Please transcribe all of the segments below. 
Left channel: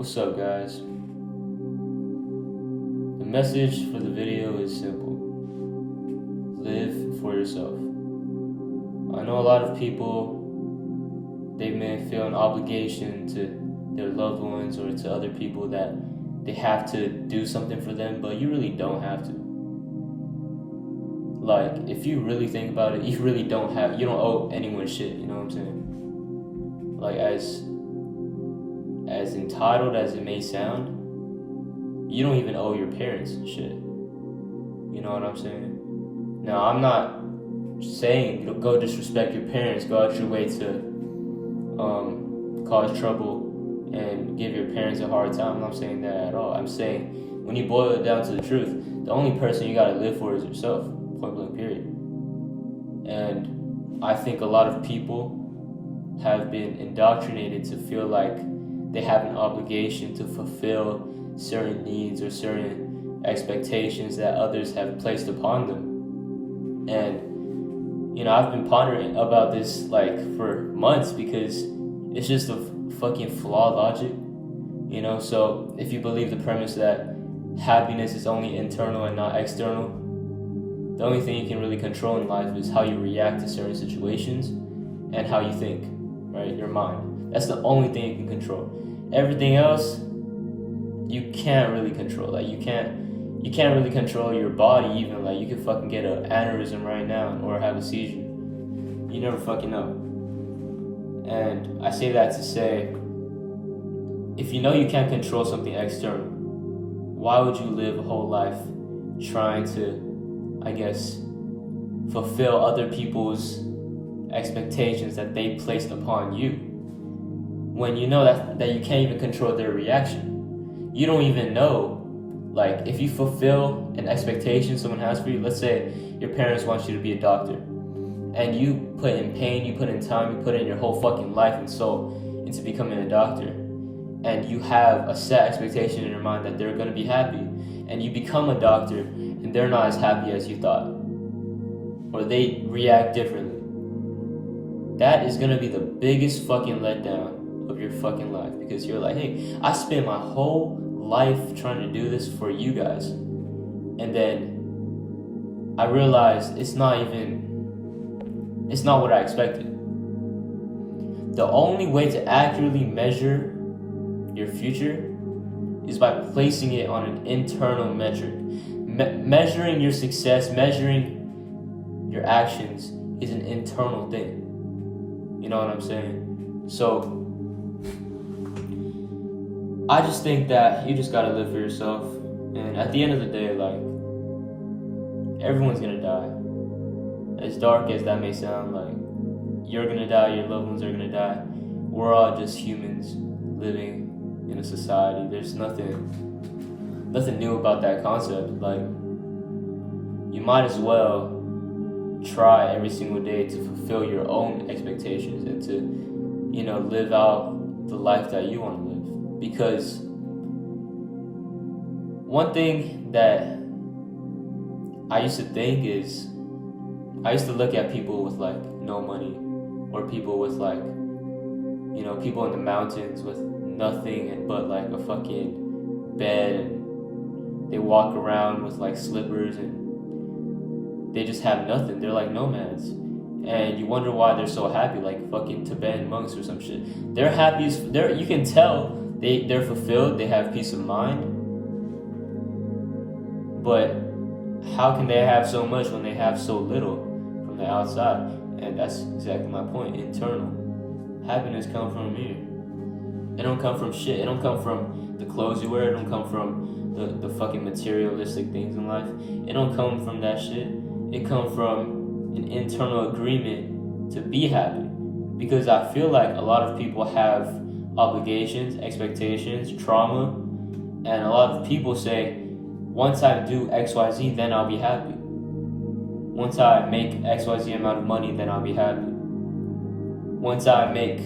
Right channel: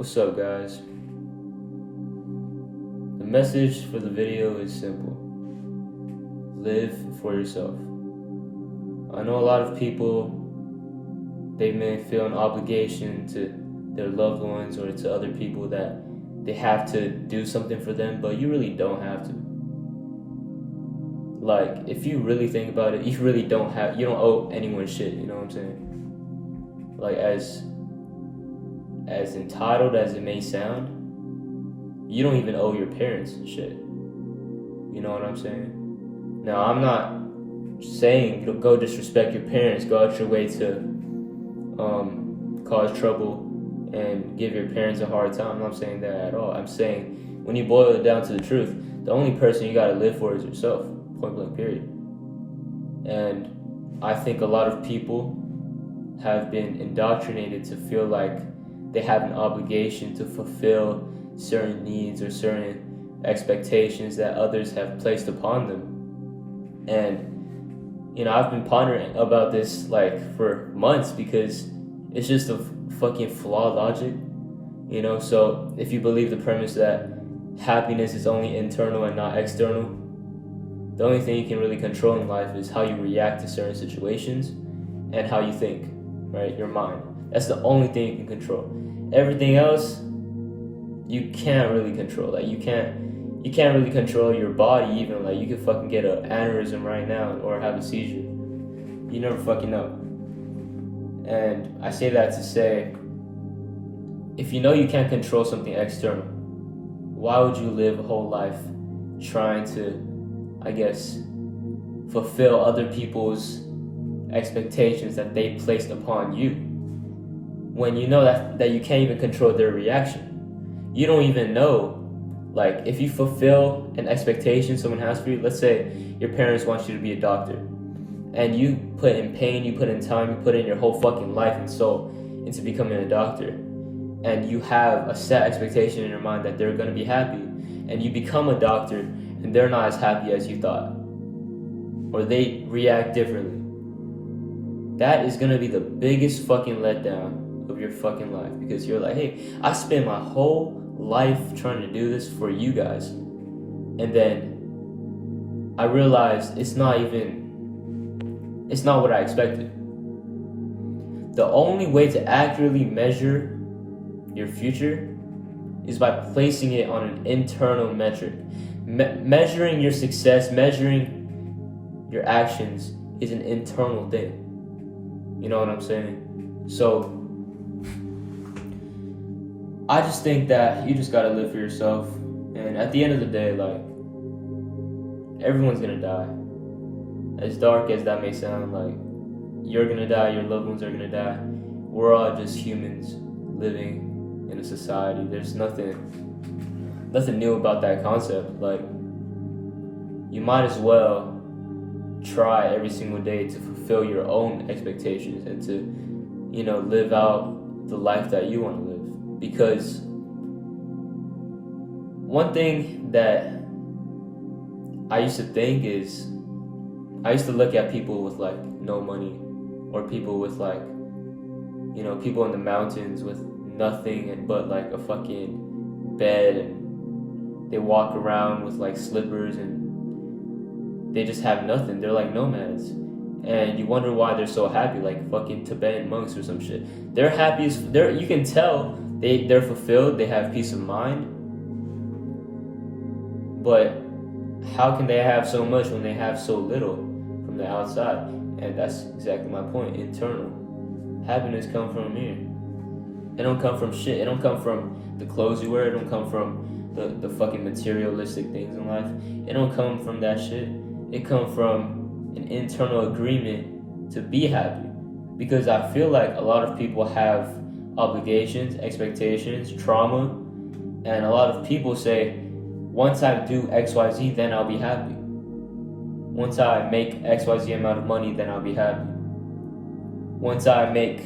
What's up, guys? The message for the video is simple. Live for yourself. I know a lot of people, they may feel an obligation to their loved ones or to other people that they have to do something for them, but you really don't have to. Like, if you really think about it, you don't owe anyone shit, you know what I'm saying? Like, as entitled as it may sound, you don't even owe your parents shit. You know what I'm saying? Now, I'm not saying go disrespect your parents, go out your way to cause trouble and give your parents a hard time. I'm not saying that at all. I'm saying when you boil it down to the truth, the only person you gotta live for is yourself, point blank period. And I think a lot of people have been indoctrinated to feel like they have an obligation to fulfill certain needs or certain expectations that others have placed upon them. And I've been pondering about this like for months because it's just a fucking flawed logic, So if you believe the premise that happiness is only internal and not external, the only thing you can really control in life is how you react to certain situations and how you think, right? Your mind. That's the only thing you can control. Everything else, you can't really control. Like you can't really control your body even. Like you could fucking get an aneurysm right now or have a seizure. You never fucking know. And I say that to say, if you know you can't control something external, why would you live a whole life trying to, fulfill other people's expectations that they placed upon you? When you know that you can't even control their reaction. You don't even know, like, if you fulfill an expectation someone has for you, let's say your parents want you to be a doctor, and you put in pain, you put in time, you put in your whole fucking life and soul into becoming a doctor, and you have a set expectation in your mind that they're gonna be happy, and you become a doctor, and they're not as happy as you thought, or they react differently. That is gonna be the biggest fucking letdown of your fucking life, because you're like, hey, I spent my whole life trying to do this for you guys, and then I realized it's not what I expected. The only way to accurately measure your future is by placing it on an internal metric. Measuring your success, measuring your actions is an internal thing. You know what I'm saying? So I just think that you just gotta live for yourself, and at the end of the day, like, everyone's gonna die. As dark as that may sound, like, you're gonna die, your loved ones are gonna die. We're all just humans living in a society. There's nothing new about that concept. Like, you might as well try every single day to fulfill your own expectations and to, live out the life that you want to live. Because one thing that I used to think is, I used to look at people with like no money, or people with like, people in the mountains with nothing but like a fucking bed, and they walk around with like slippers and they just have nothing. They're like nomads. And you wonder why they're so happy, like fucking Tibetan monks or some shit. They're happy as you can tell they're fulfilled, they have peace of mind. But how can they have so much when they have so little from the outside? And that's exactly my point. Internal. Happiness comes from here. It don't come from shit. It don't come from the clothes you wear. It don't come from the fucking materialistic things in life. It don't come from that shit. It comes from an internal agreement to be happy. Because I feel like a lot of people have obligations, expectations, trauma, and a lot of people say, once I do XYZ, then I'll be happy. Once I make XYZ amount of money, then I'll be happy. Once I make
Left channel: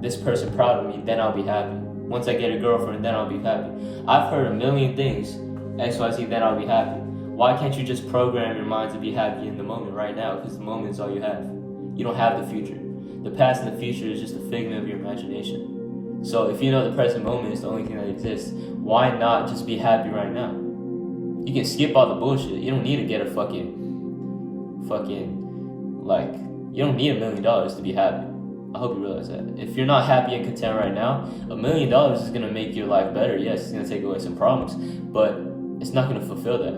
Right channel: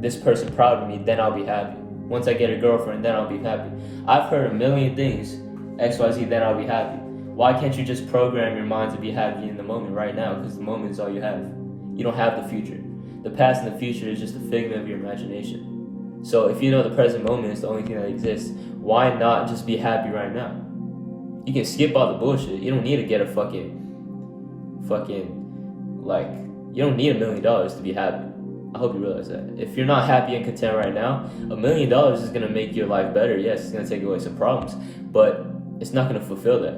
this person proud of me, then I'll be happy. Once I get a girlfriend, then I'll be happy. I've heard a million things, XYZ, then I'll be happy. Why can't you just program your mind to be happy in the moment right now? Because the moment is all you have. You don't have the future. The past and the future is just a figment of your imagination. So if you know the present moment is the only thing that exists, why not just be happy right now? You can skip all the bullshit. You don't need to get a fucking like, you don't need $1 million to be happy. I hope you realize that. If you're not happy and content right now, $1 million is gonna make your life better. Yes, it's gonna take away some problems, but it's not gonna fulfill that.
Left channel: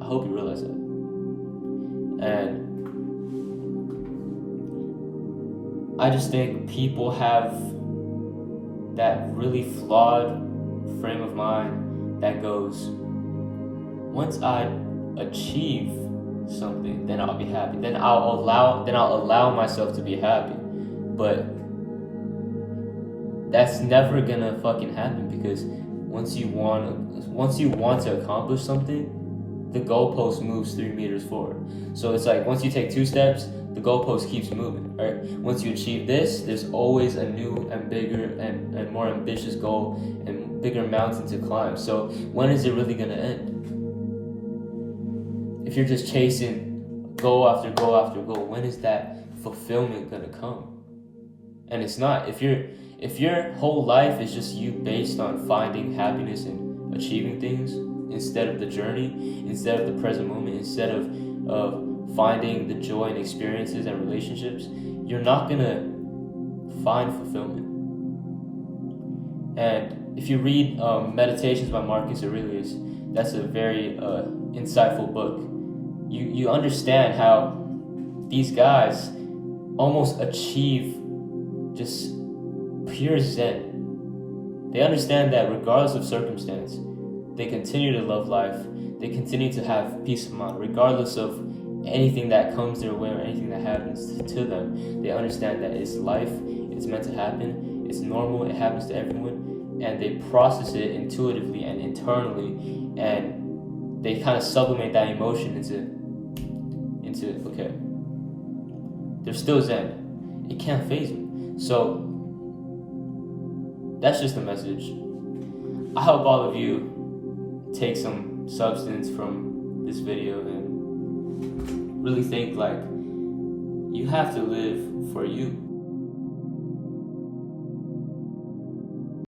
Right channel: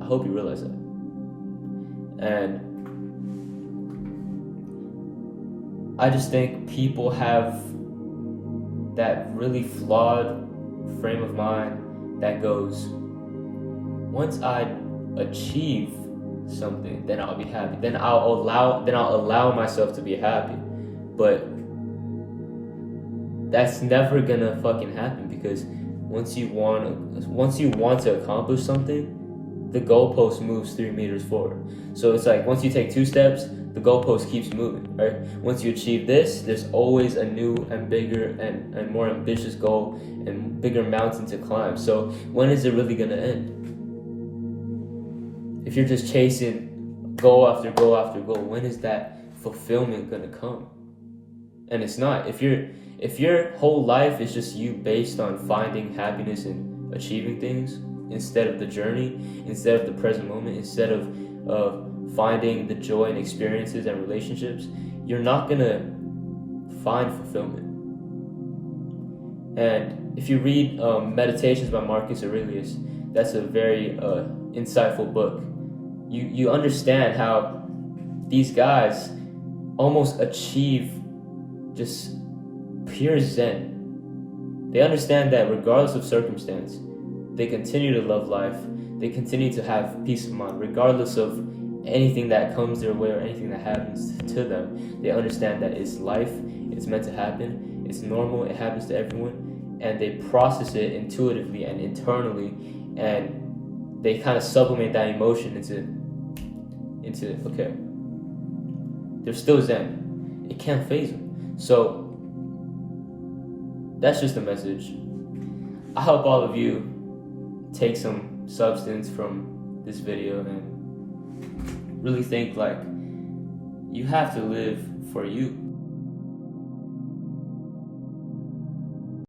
I hope you realize that. And I just think people have that really flawed frame of mind that goes, once I achieve something, then I'll be happy. Then I'll allow myself to be happy. But that's never gonna fucking happen, because once you want to accomplish something, the goalpost moves 3 meters forward. So it's like, once you take 2 steps, the goalpost keeps moving, right? Once you achieve this, there's always a new and bigger and more ambitious goal and bigger mountain to climb. So when is it really gonna end? If you're just chasing goal after goal after goal, when is that fulfillment gonna come? And it's not. If your whole life is just you based on finding happiness and achieving things, instead of the journey, instead of the present moment, instead of finding the joy and experiences and relationships, you're not gonna find fulfillment. And if you read Meditations by Marcus Aurelius, that's a very insightful book. You understand how these guys almost achieve just pure Zen. They understand that regardless of circumstance, they continue to love life. They continue to have peace of mind, regardless of anything that comes their way or anything that happens to them. They understand that it's life, it's meant to happen, it's normal, it happens to everyone, and they process it intuitively and internally, and they kind of sublimate that emotion into okay, they're still Zen. It can't faze them. So that's just the message. I hope all of you take some substance from this video and really think, like, you have to live for you.